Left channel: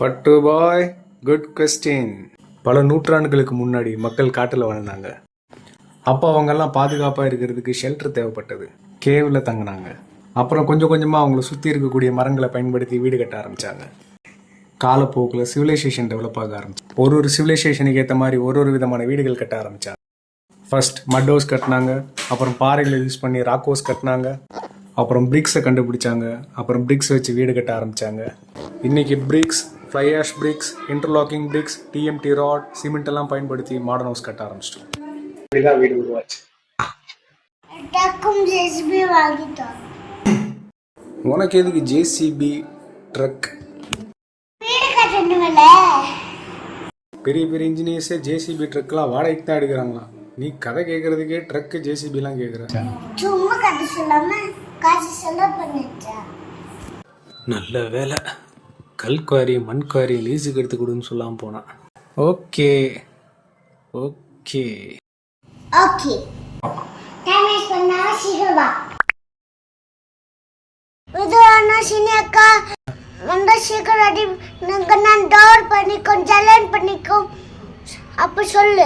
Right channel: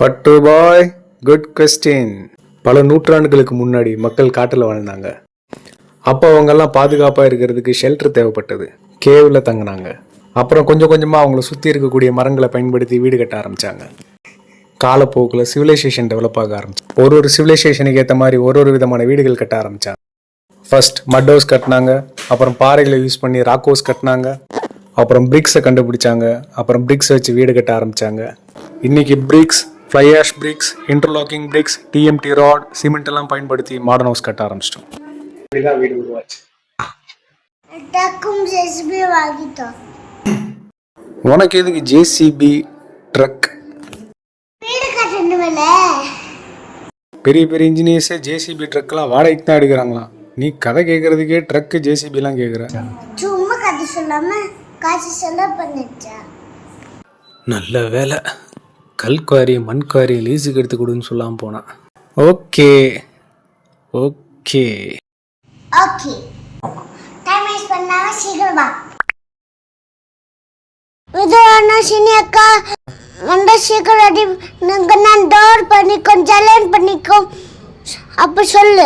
பட்டு பாய், good question. பல நூற்றாண்டுகளுக்கு முன்னாடி மக்கள் காட்டில் வாழ்ந்தாங்க. அப்போ அவங்கெல்லாம் பாதுகாப்பாக இருக்கிறதுக்கு ஷெல்டர் தேவைப்பட்டது. கேவில் தங்கினாங்க. அப்புறம் கொஞ்சம் கொஞ்சமாக அவங்கள சுற்றி இருக்கக்கூடிய மரங்களை பயன்படுத்தி வீடு கட்ட ஆரம்பித்தாங்க. காலப்போக்கில் சிவிலைசேஷன் டெவலப் ஆக ஆரம்பிச்சு ஒரு சிவிலைசேஷனுக்கு ஏற்ற மாதிரி ஒரு விதமான வீடுகள் கட்ட ஆரம்பித்தாங்க. ஃபர்ஸ்ட் மட் ஹவுஸ் கட்டினாங்க, அப்புறம் பாறைகளை யூஸ் பண்ணி ராக் ஹவுஸ் கட்டினாங்க, அப்புறம் பிரிக்ஸை கண்டுபிடிச்சாங்க, அப்புறம் பிரிக்ஸ் வச்சு வீடு கட்ட ஆரம்பித்தாங்க. இன்னைக்கு bricks, fly ash bricks, interlocking bricks, TMT rod, cement எல்லாம் பயன்படுத்தி மாடர்ன் ஹவுஸ் கட்ட ஆரம்பிச்சிட்டோம். இப்படிதான் வீடு உருவாச்சு. உனக்கு எதுக்கு ஜேசிபி ட்ரக்? பெரிய பெரிய இன்ஜினியர்ஸே ஜேசிபி ட்ரக்லாம் வாடகைக்கு தான் எடுக்கிறாங்களாம். நீ கதை கேட்கறதுக்கே ட்ரக் ஜேசிபிலாம் கேட்குற. சும்மா கதை சொல்லாம காசு செலவு பண்ணிச்சா. நல்ல வேலை, கல்குவாரி மண்குவாரி லீஸுக்கு எடுத்து கொடுன்னு சொல்லாமல் போனான். Okay okay okay, time waste பண்ணாம சீக்கிரம் வா. விதுரானா சினியக்கா வந்த சீக்கிரம் ரெடி. நான் டோர் பண்ணிக்கோ, ஜலன் பண்ணிக்கோ, அப்ப சொல்லு.